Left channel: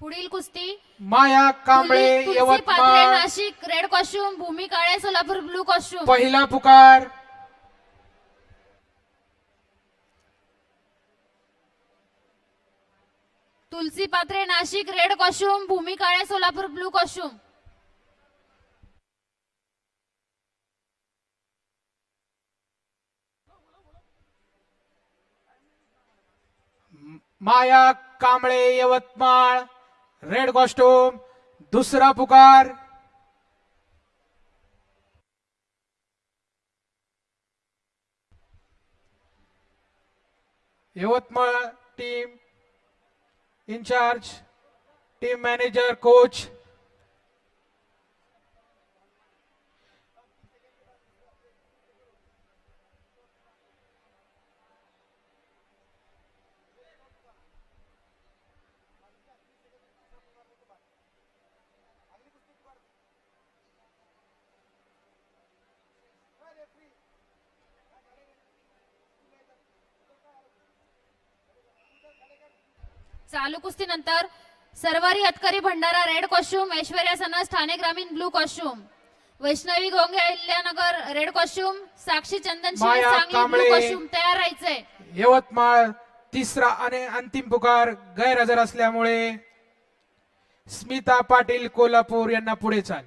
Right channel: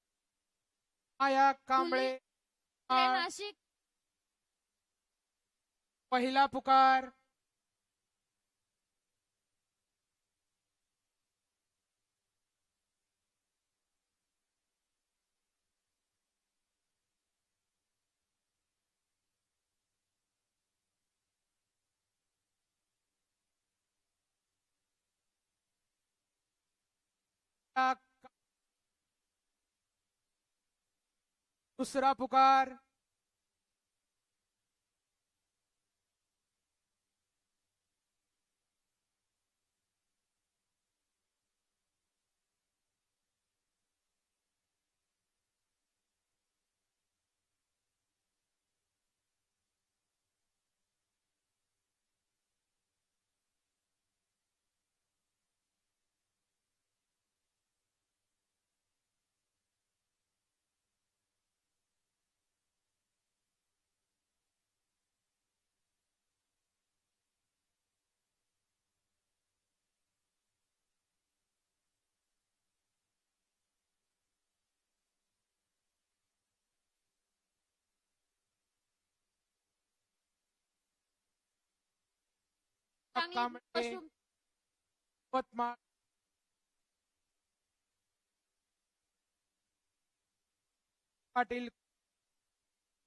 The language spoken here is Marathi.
पुढील कुस्ती. माया Kamble Tulsi- Tulsi Patre Yavatmal Nashik red costume Bhumi Kale Solapur blue costume पहिला पुकार. Tulsi Patre Nashik red costume Bhumi Kale Solapur blue costume Maya Kamble Yavatmal. Red costume दुसरा पुकार. Yavatmal team in charge team manager coach चालू कुस्तीनंतर सरवारी हतकरी भंडारा रेड कॉस्ट्युम ऐश्वर्या सनस ठाणे ग्रामीण blue costume. Vaishnavi Gonge Ahilyanagar red costume Sakshi Chandan Shive Maya Sangli blue Kamble. Costume तयार राहायचंय. यवतमाळ तिसरा आणि अंतिम पुकार गैरहजर असल्यामुळे स्मिता पाटील कोल्हापूर यांना पुढे चाल.